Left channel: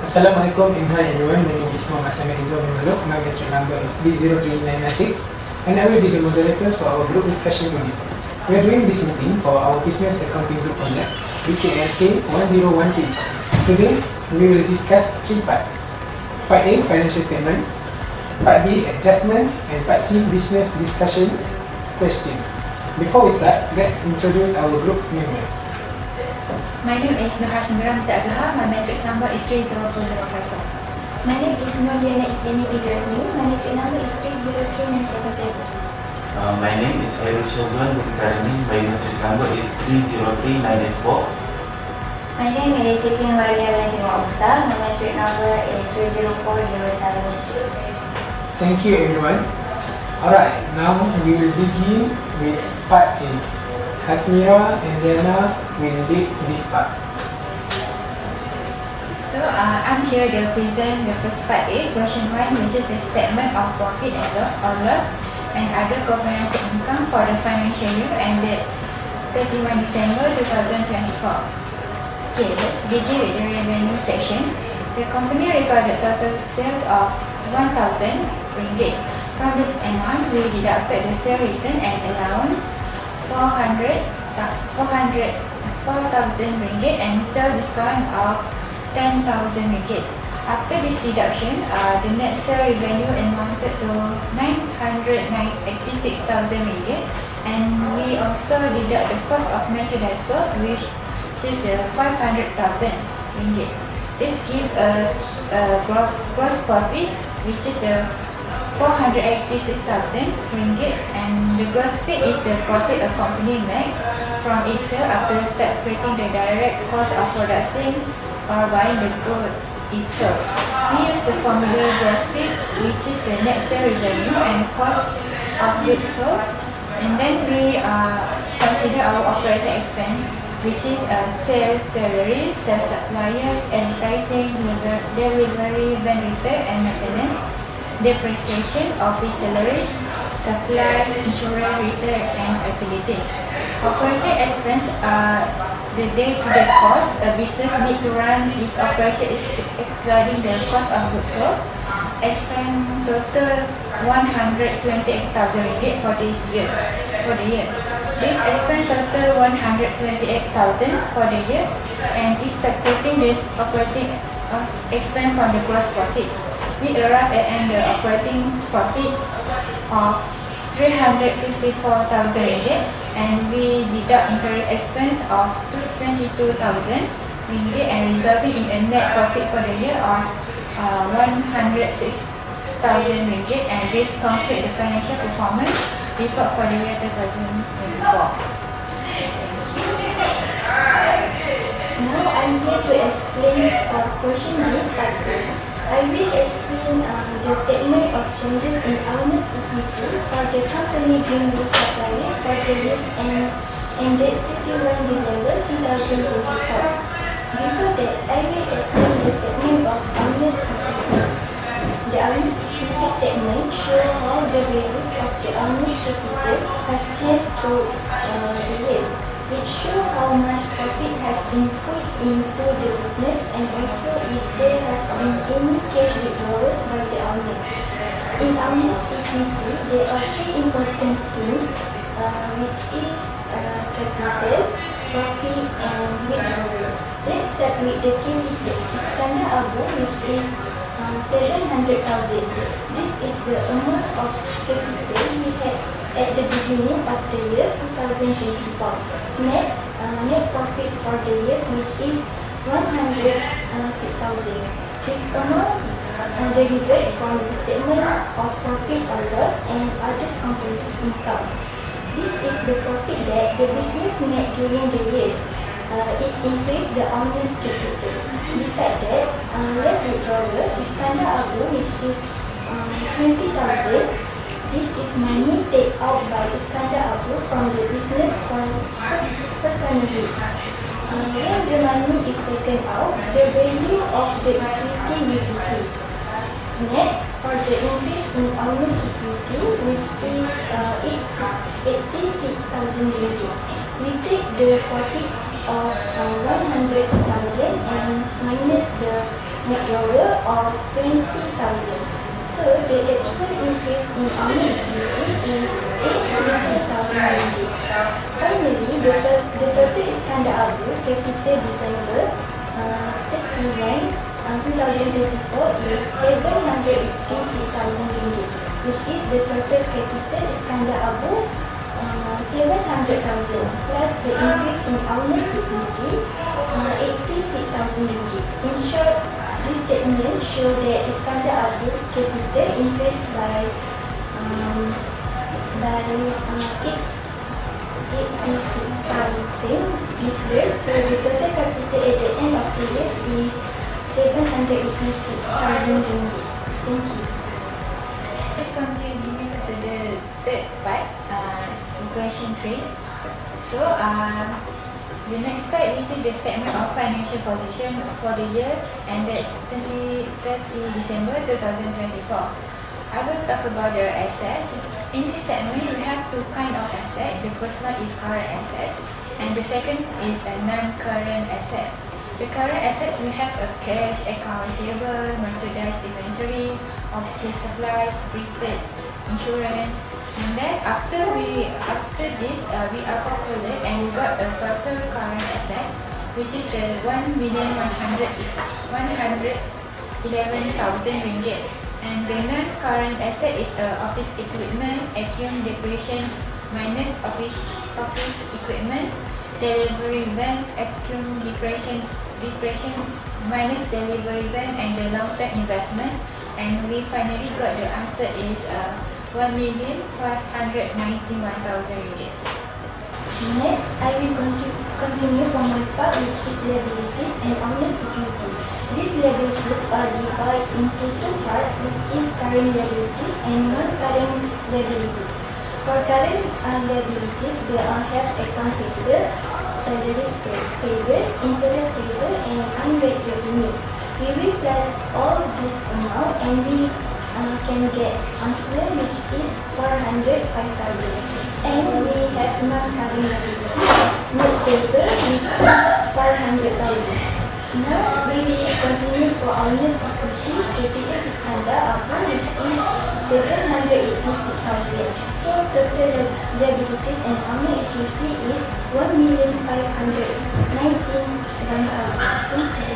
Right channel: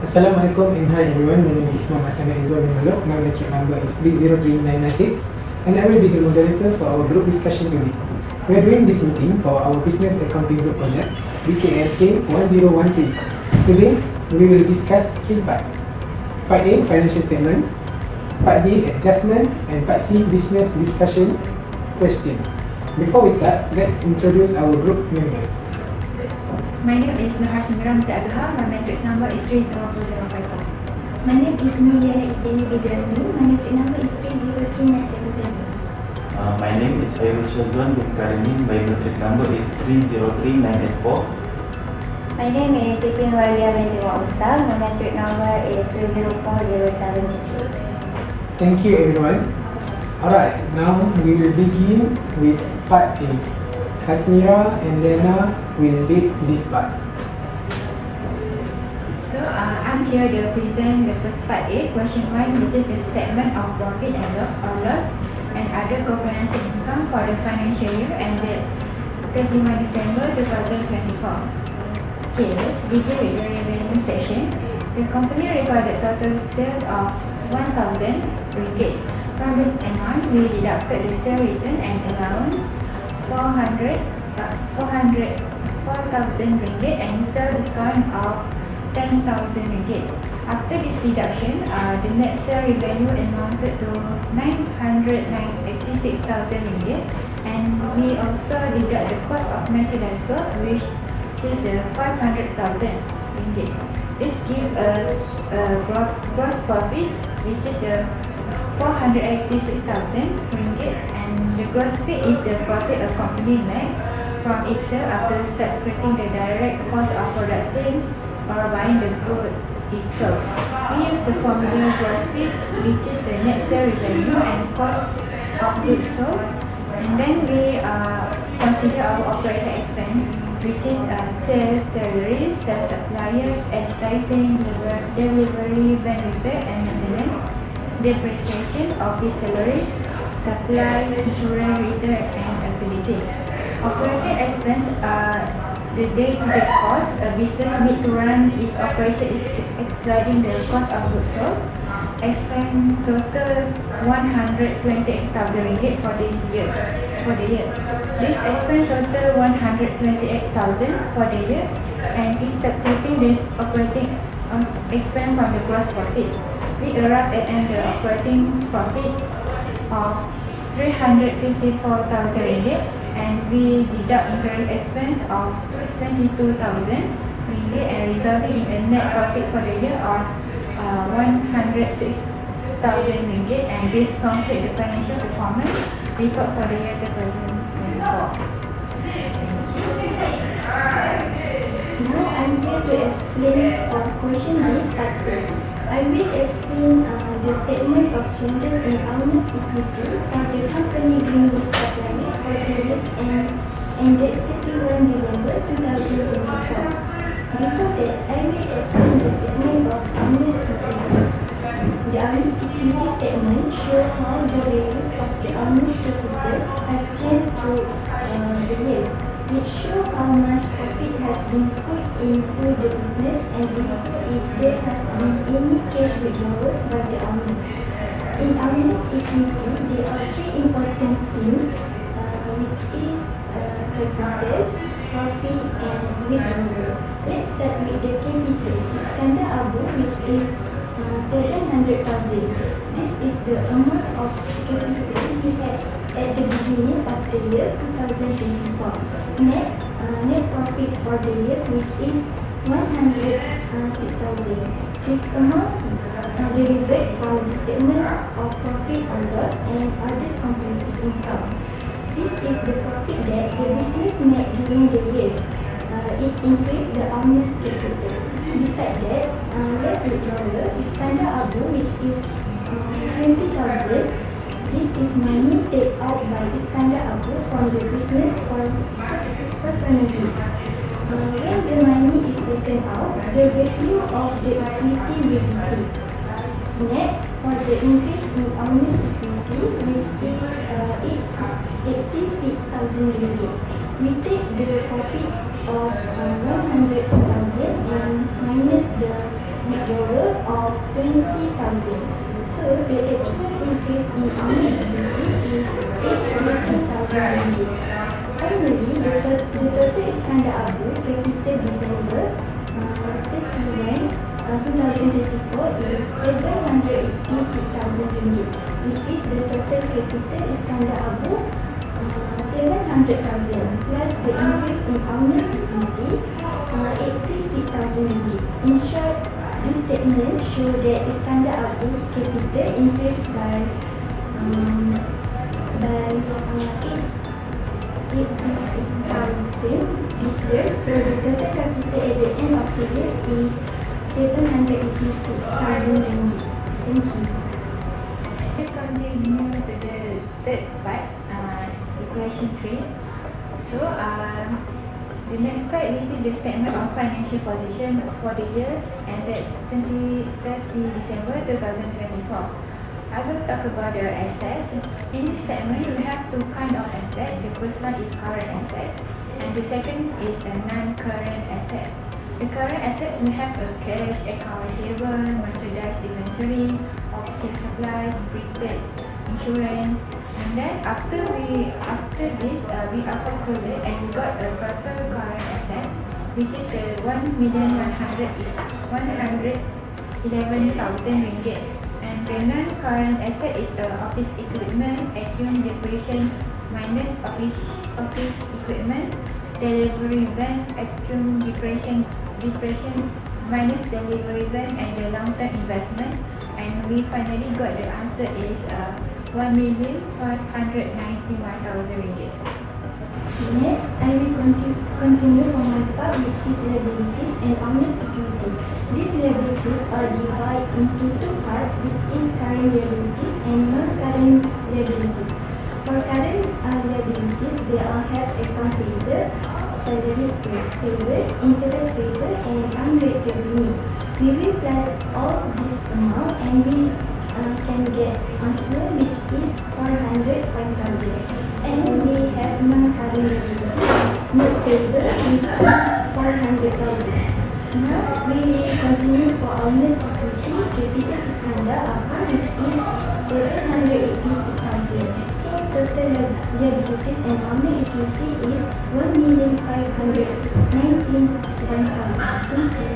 Assalamualaikum and hi everyone, my name is Muhammad Izzuddin bin Maluk. My metric number is 303996 and I will be the moderator for our group discussion unit. We are doing this meeting for our business accounting group project BKALK1013. Today we will discuss three parts. Part A, financial statements. Part B, adjustment, and Part C, business discussion question. Before we start, let's introduce our group members. My name is Nurha Sinduran Azhar. My matrix number is 302054. My name is Nurliana Isdini Bidrazmi. My matrix number is 303970. My name is Hairul Children Bukarimi. My matrix number is 303984. My name is Siti Walia Benjamin Oktal. My matrix number is 304072. Thank you everyone. Alright, now we will begin with part A. Hasmira and Diana will lead this part. So I'm here to present the first part A, question 1, which is the statement of profit and loss and other comprehensive income for the financial year ended 31 December 2024. Okay, let's begin with the revenue section. The company recorded total sales of 1,000 ringgit. From this amount, we deducted the sale return and allowance 4,000 ringgit and sale discount of 10,000 ringgit. After this deduction, the net sale revenue amounted to 986,000 ringgit, and we also deduct the cost of merchandise sold, which is 500,000 ringgit. This gives us gross profit, which is the 486,000 ringgit, and the gross profit is the profit a company makes from its sale after separating the direct cost of production or buying the goods itself. We use the formula gross profit, which is the net sale revenue and cost of goods sold, and then we consider our operating expense, which is sales, salaries, sales suppliers, advertising, delivery, benefit and maintenance, depreciation, office salaries, supplies, insurance, retail, and utilities. Operating expense are the day-to-day costs a business need to run its operation, excluding the cost of goods sold. Expense total 128,000 ringgit for the year. This expense total 128,000 for the year and is separating this operating expense from the gross profit. We arrive at the operating profit of 354,000 ringgit, and we deduct interest expense of 22,000 ringgit and resulting in a net profit for the year of 106,000 ringgit, and this completes the financial performance report for the year 2024. Now I'm here to explain question B part 2. I will explain the statement of changes in owners' equity for the company during its supplier for the years ended 31 December 2024. Before that, I will explain the statement of owners' equity. The owners' equity statement shows how the values of the owners' equity has changed through the years. It shows how much profit has been put into the business and also if there has been any cash withdrawals by the owners. In owners' equity, there are three important things, which is capital, profit, and withdrawal. Let's start with the capital. Iskandar Abu, which is 700,000. This is the amount of capital we had at the beginning of the year 2024. Net profit for the years, which is 106,000. This amount derived from the statement of profit or loss and other comprehensive income. This is the profit that the business made during the years. It increased the owner's capital. Besides that, less withdrawal is Iskandar Abu, which is 20,000. This is money taken out by Iskandar Abu from the business for personal use. When the money is taken out, the value of the equity will increase. Next, for the increase in owner's equity, which is 86,000 ringgit, we take the profit of 100,000 and minus the withdrawal of 20,000. So the actual increase in our liability is 83,000 ringgit. Finally, the total Iskandar Abu capital December 31, 2024 is 786,000 ringgit, which is the total capital Iskandar Abu 700,000 plus the increase in owner's equity 86,000 ringgit. In short, this statement shows that Iskandar Abu's capital increased by 86,000 this year. So the total capital at the end of the year is 786,000 ringgit. Thank you. We continue to the third part, equation 3. So, the next part is the statement of financial position for the year ended 30 December 2024. I will talk about the assets. In this statement, we have two kinds of assets. The first one is current asset, and the second is a non-current assets. The current assets, we have a cash, account receivable, merchandise inventory, office supplies, prepaid insurance. And then after this, we are calculated and we got a total current assets, which is the 1,111,000 ringgit. And the non-current asset is office equipment, account depreciation minus office equipment, delivery van, account depreciation minus delivery van, and the long-term investment. And we finally got the answer is 1,591,000 ringgit. Next, I will continue from my part, which is liabilities and owner's equity. These liabilities are divided into two parts, which is current liabilities and non-current liabilities. For current liabilities, they all have account payable, salaries payable, interest payable, and unpaid revenue. We will plus all this amount and we can get answer, which is 405,000. And we have non-current liabilities, note payable, which is 400,000. Now we will continue for owner's equity. Capital Iskandar Abu, which is 786,000. So total liabilities and owner equity is 1,591,000. Thank you.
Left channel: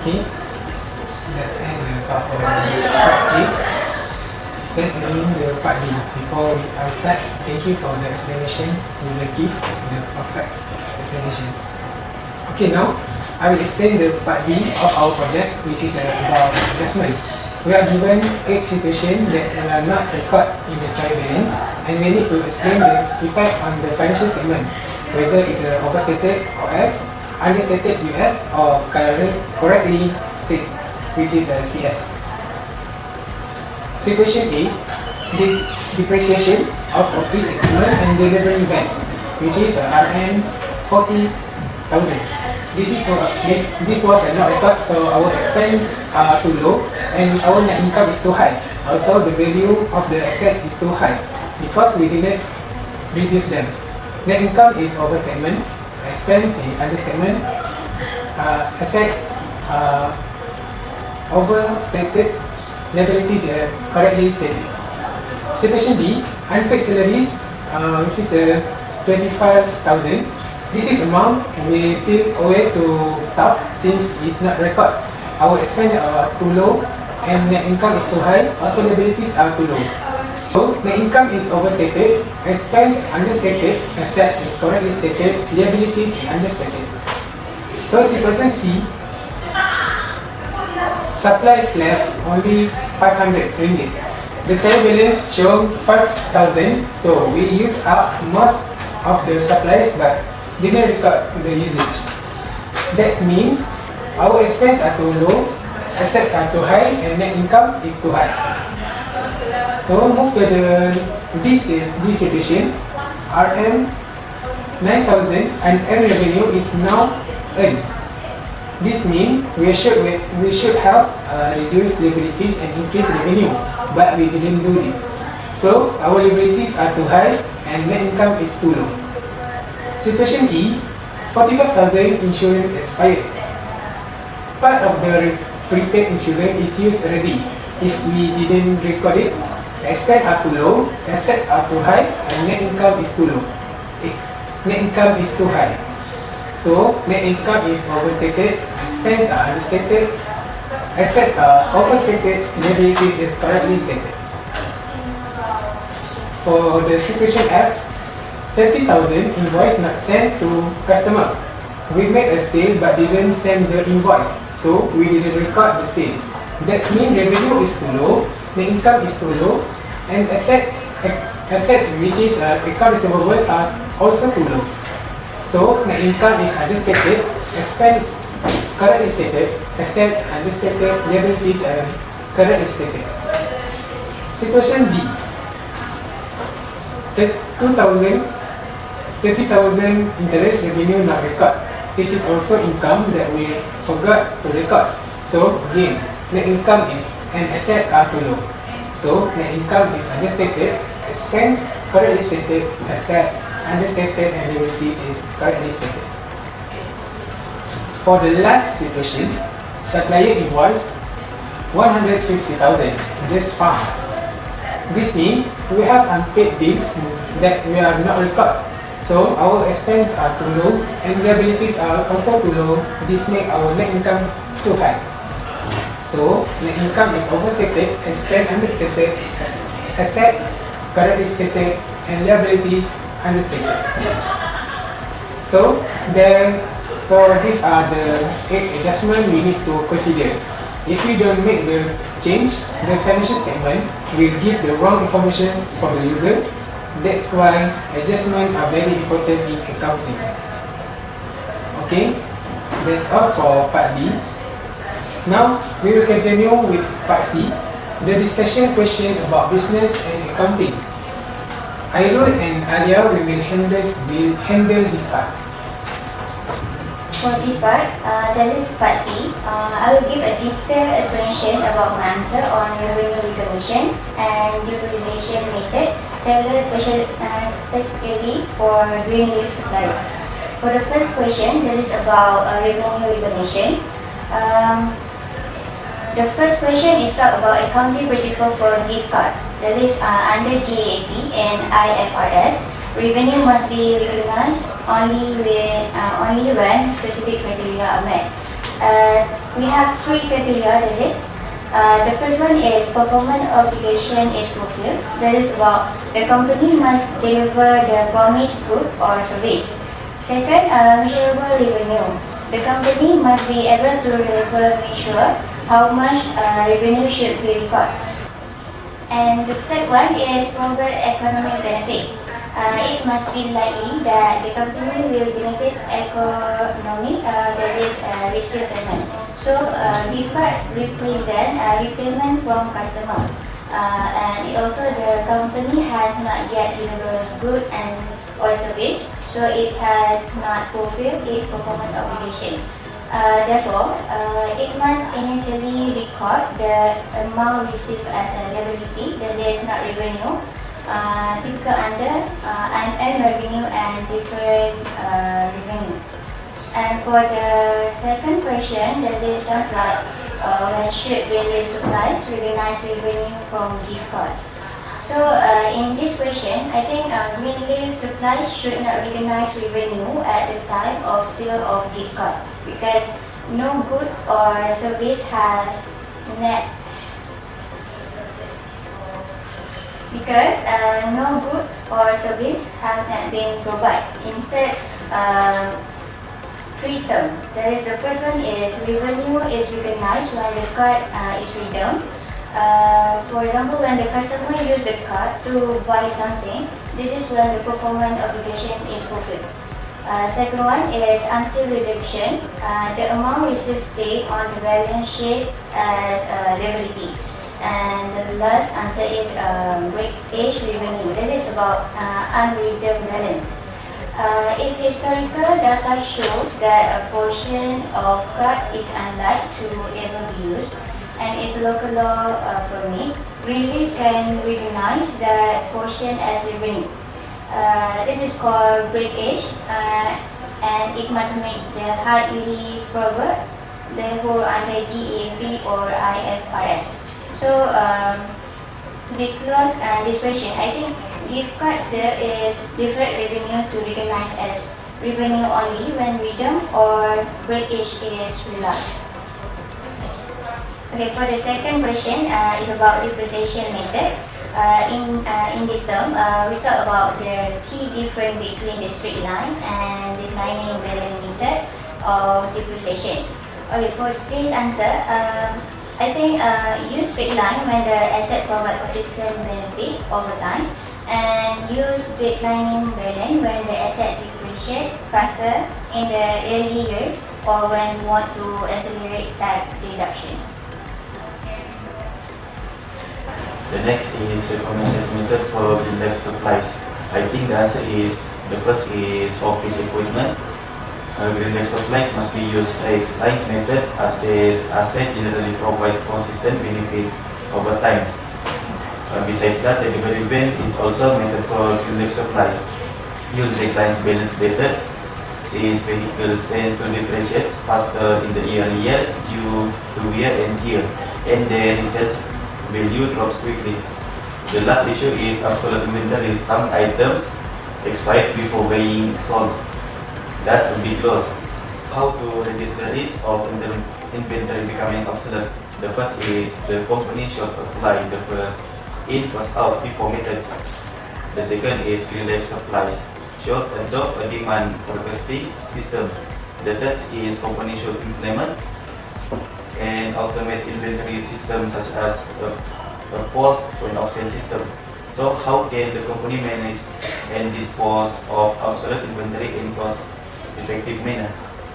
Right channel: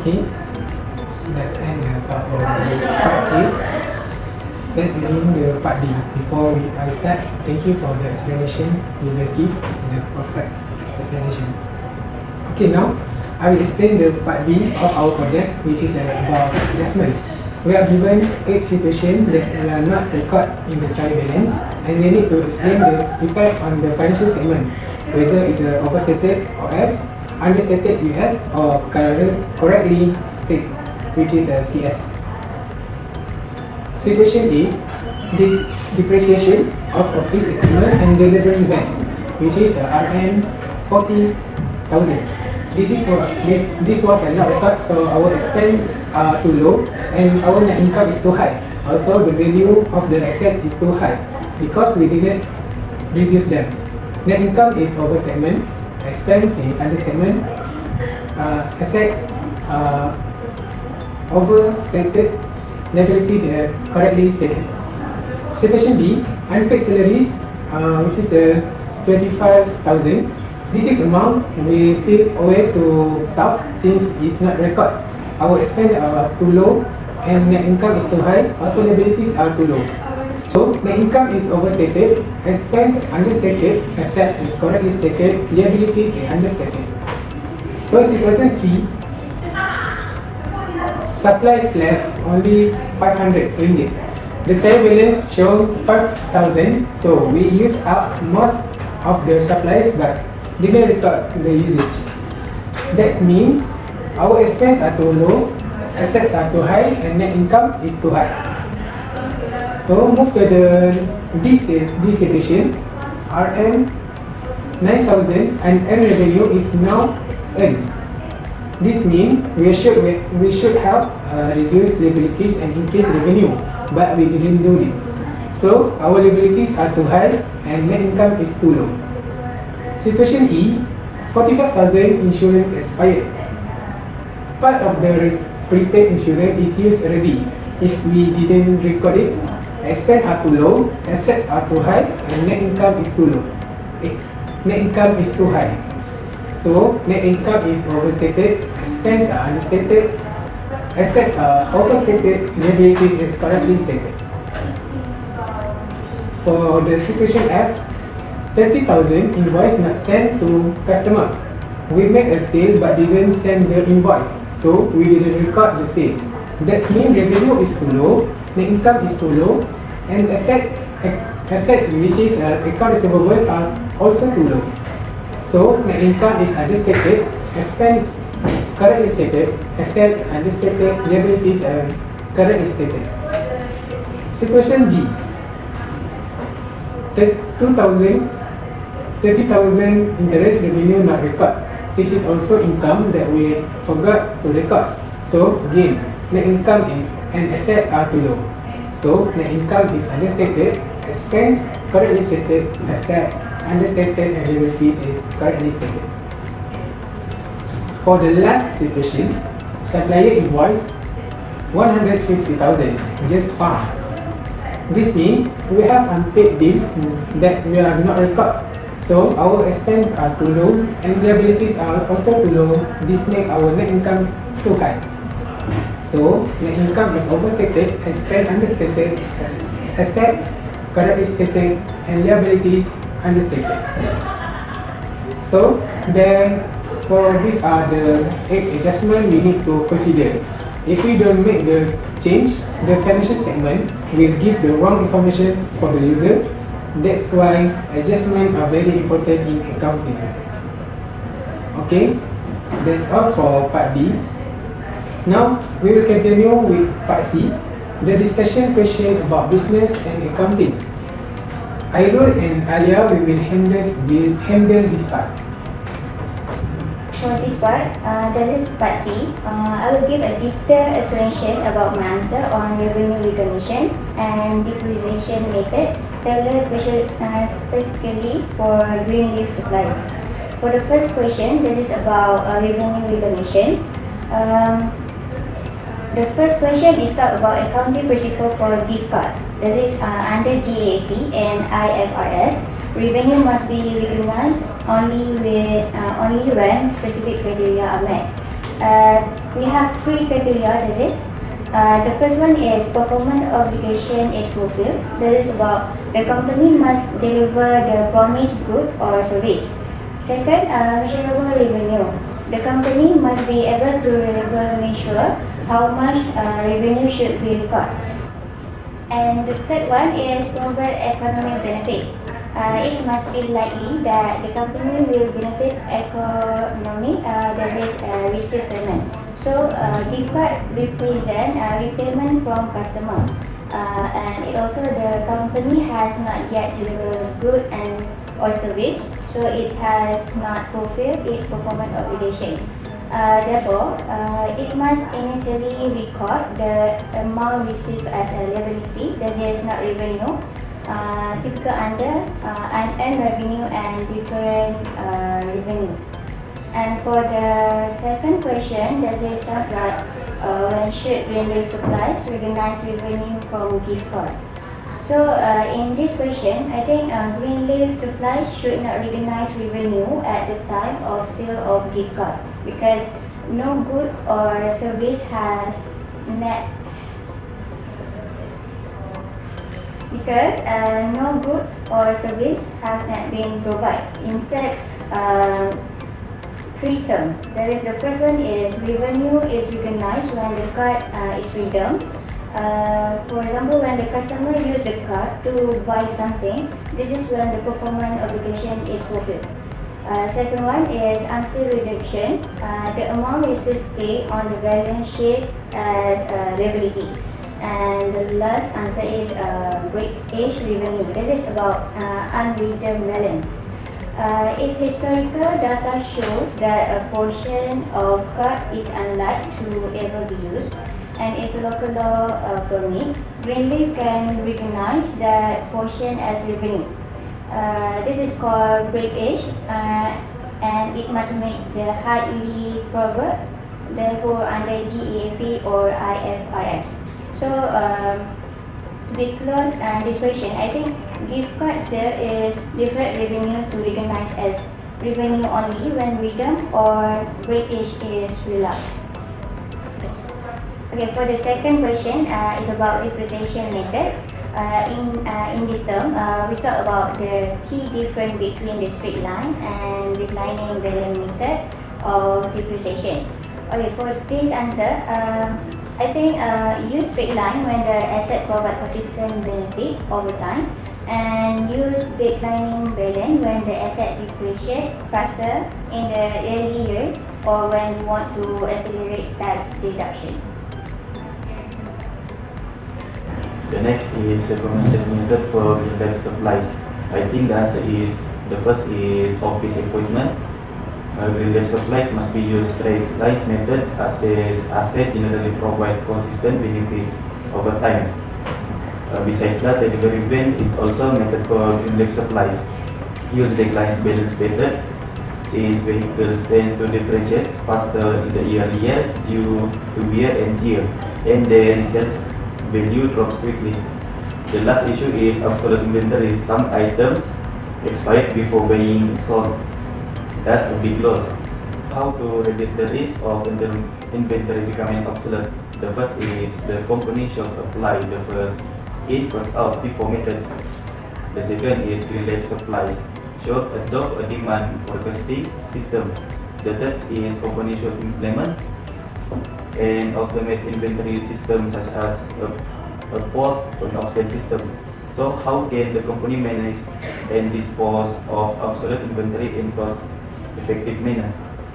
Okay, let's end the part A. Let's begin the part B. Before I start, thank you for the explanation you just give, the perfect explanations. Okay, now I will explain the part B of our project, which is about adjustment. We are given 8 situations that are not recorded in the trial balance, and we need to explain the effect on the financial statement, whether it's overstated OS, understated US, or correctly stated, which is a CS. Situation A, the depreciation of office equipment and delivery van, which is RN 40,000. This was not record, so our expense are too low and our net income is too high. Also, the value of the assets is too high because we didn't reduce them. Net income is overstatement, expense is understatement, asset overstated, liabilities are correctly stated. Situation B, unpaid salaries, which is 25,000. This is amount we still owe to staff since it's not record. Our expense are too low and net income is too high. Also, liabilities are too low. So net income is overstated, expense understated, asset is correctly stated, liabilities is understated. So situation C, supplies left only 500 ringgit. The trial balance show 5,000, so we use up most of the supplies but didn't record the usage. That means our expense are too low, assets are too high, and net income is too high. So move to this situation. RM 9,000 and earned revenue is now earned. This means we should have reduced liabilities and increased revenue, but we didn't do it. So our liabilities are too high and net income is too low. Situation E, 45,000 insurance expired. part of the prepaid insurance is used already. If we didn't record it, expense are too low, assets are too high, and net income is too low. Net income is too high. So net income is overstated, expense are understated, assets are overstated, liabilities is correctly stated. For the situation F, 30,000 invoice not sent to customer. We made a sale but didn't send the invoice, so we didn't record the sale. That means revenue is too low, net income is too low, and assets which is account receivable are also too low. So net income is understated, expense correctly stated, asset understated, liabilities are correctly stated. Situation G, 30,000 interest revenue not record. This is also income that we forgot to record. So again, net income and assets are too low. So net income is understated, expense correctly stated, assets understated, and liabilities is correctly stated. For the last situation, supplier invoice 150,000 just found. This means we have unpaid bills that we are not record. So our expenses are too low and liabilities are also too low. This makes our net income too high. So net income is overstated, expense understated, assets correctly stated, and liabilities understated. So these are the 8 adjustments we need to consider. If we don't make the change, the financial statement will give the wrong information for the user. That's why adjustments are very important in accounting. Okay, that's all for part B. Now we will continue with part C, the discussion question about business and accounting. Airul and Alia will handle this part. For this part, that is part C, I will give a detailed explanation about my answer on revenue recognition and depreciation method, tailored specifically for green leaf supplies. For the first question, that is about revenue recognition. The first question is talk about accounting principle for gift card. That is under GAAP and IFRS. Revenue must be recognized only when specific criteria are met. We have 3 criteria. That is, the first one is performance obligation is fulfilled. That is about the company must deliver the promised good or service. Second, measurable revenue. The company must be able to measure how much revenue should be recorded. And the third one is global economic benefit. It must be likely that the company will benefit economic, that is receive payment. So gift card represent repayment from customer, and it also the company has not yet delivered good and or service, so it has not fulfilled its performance obligation. Therefore, it must initially record the amount received as a liability, that is not revenue, typical under unearned revenue and different revenue. And for the second question, that is sounds like when should green leaf supplies recognize revenue from gift card. So in this question, I think green leaf supplies should not recognize revenue at the time of sale of gift card, because no goods or service has net. No goods or service have not been provided. Instead, three-term. That is, the first one is revenue is recognized when the card is redeemed. For example, when the customer uses the card to buy something, this is when the performance obligation is fulfilled. Second one is until redemption. The amount received stay on the balance sheet as liability. And the last answer is breakage revenue. This is about unredeemed balance. If historical data shows that a portion of card is unlikely to ever be used, and if local law permit, green leaf can recognize that portion as revenue. This is called breakage, and it must make the highly probable they go under GAAP or IFRS. So because this question, I think gift card sale is deferred revenue to recognize as revenue only when redeemed or breakage is realized. Okay, for the second question, is about depreciation method. In this term, we talk about the key difference between the straight line and declining balance method of depreciation. Okay, for this answer, I think use straight line when the asset provide consistent benefit over time, and use declining balance when the asset depreciate faster in the early years or when you want to accelerate tax deduction. The next is recommended method for green supplies. I think the answer is, the first is office equipment. Green supplies must be used straight line method as these assets generally provide consistent benefits over time. Besides that, the delivery event is also method for green supplies. Use declines balance method since vehicles tend to depreciate faster in the early years due to wear and tear, and their resale value drops quickly. The last issue is obsolete inventory. Some items expired before being sold. That's a big loss. How to reduce the risk of inventory becoming obsolete? The first is the company should apply the first in, first out, FIFO method. The second is green life supplies should adopt a demand forecasting system. The third is company should implement and automate inventory system such as a post point of sale system. So how can the company manage and dispose of obsolete inventory in cost effective manner?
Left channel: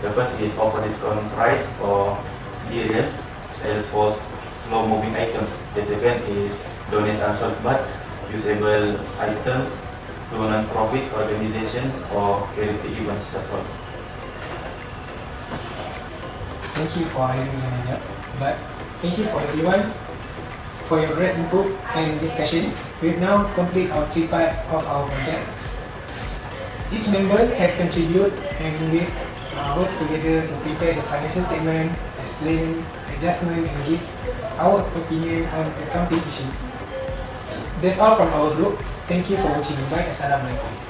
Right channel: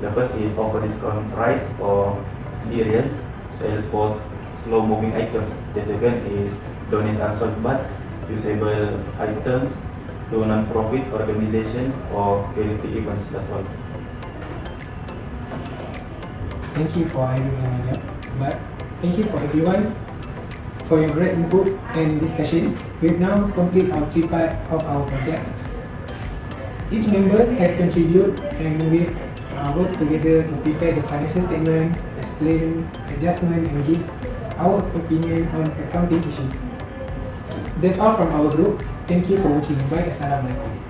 The first is offer discount price or clearance sales for slow moving items. The second is donate unsold but usable items to non-profit organizations or charity events. That's all. Thank you for having me, Nadia. But thank you for everyone for your great input and discussion. We've now completed our three parts of our project. Each member has contributed and we've worked together to prepare the financial statement, explain adjustment and give our opinion on accounting issues. That's all from our group. Thank you for watching. Bye. Assalamualaikum.